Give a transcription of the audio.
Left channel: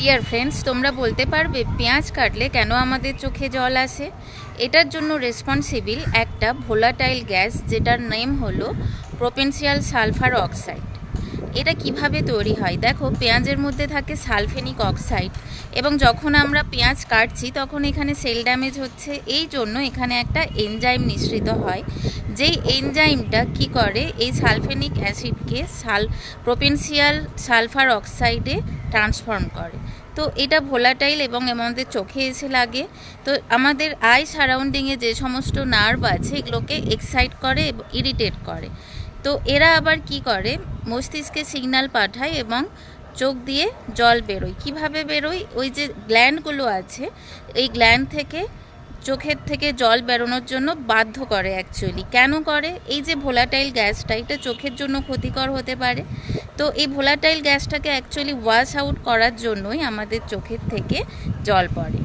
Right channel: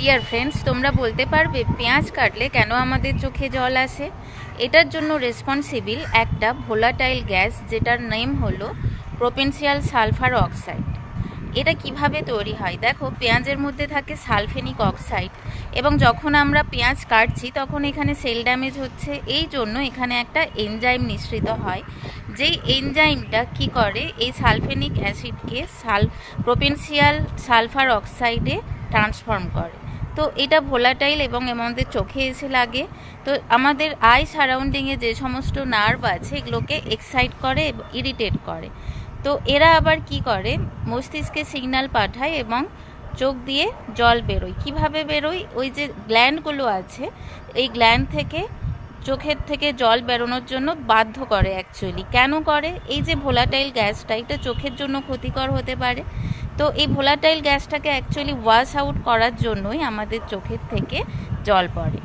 Dear friends, তোমরা বলতে পারবে পেঁয়াজ কাটলে কেন আমাদের চোখে জল আসে? এটার জন্য রেসপন্সিবল একটা ভোলাটাইল গ্যাস, যেটার নেম হলো প্রোপেনশিয়াল সালফার অক্সাইড। এটা কিভাবে তৈরি হয়? দেখো, পেঁয়াজের মধ্যে থাকে সালফেনিক অক্সাইড, এবং যখন আমরা পেঁয়াজ কাটছি তখন এখানে সেল ড্যামেজ হচ্ছে। এই জন্য এখানে একটা এনজাইম নিঃসৃত হয়, যেই এনজাইমটা কি করে, এই সালফেনিক অ্যাসিডকে প্রোপেনশিয়াল সালফার অক্সাইডে ট্রান্সফর্ম করে। তো এটা ভোলাটাইল এবং আমাদের চোখে এসে লাগে। তো আমাদের আই সারাউন্ডিংয়ে যে সমস্ত নার্ভ আছে এগুলোকে এক্সাইট করে এবং ইরিটেট করে। তো এরা আবার কি করে, মস্তিষ্কে সিগন্যাল পাঠায় এবং চোখ দিয়ে জল বেরোয়। কিভাবে বেরোয়? ওই যে গ্ল্যান্ডগুলো আছে, এই গ্ল্যান্ড থেকে চোখের থেকে জল বেরোনোর জন্য বাধ্য করে। অ্যাকচুয়ালি কেন করে? এই যে ভোলাটাইল গ্যাসটা, এটা চোখের জন্য ক্ষতিকর হতে পারে। তো এই ভোলাটাইল গ্যাসটাকে অ্যাকচুয়ালি ওয়াশ আউট করার জন্যই আমাদের চোখের থেকে জল পড়ে।